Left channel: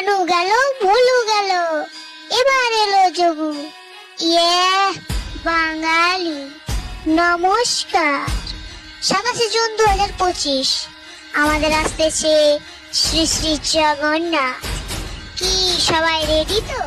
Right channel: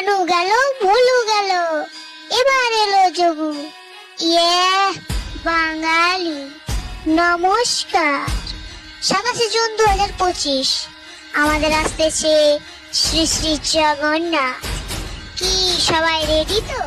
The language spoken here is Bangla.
কানু গেল, ভুলু গেল, এবার এলো যোগু। ইয়ে বাঙালি, নমস্কার। 27 জুন 2025 আমাদের আসতেছে শ্রী শ্রী জগন্নাথ। কি সবাই রেডি তো?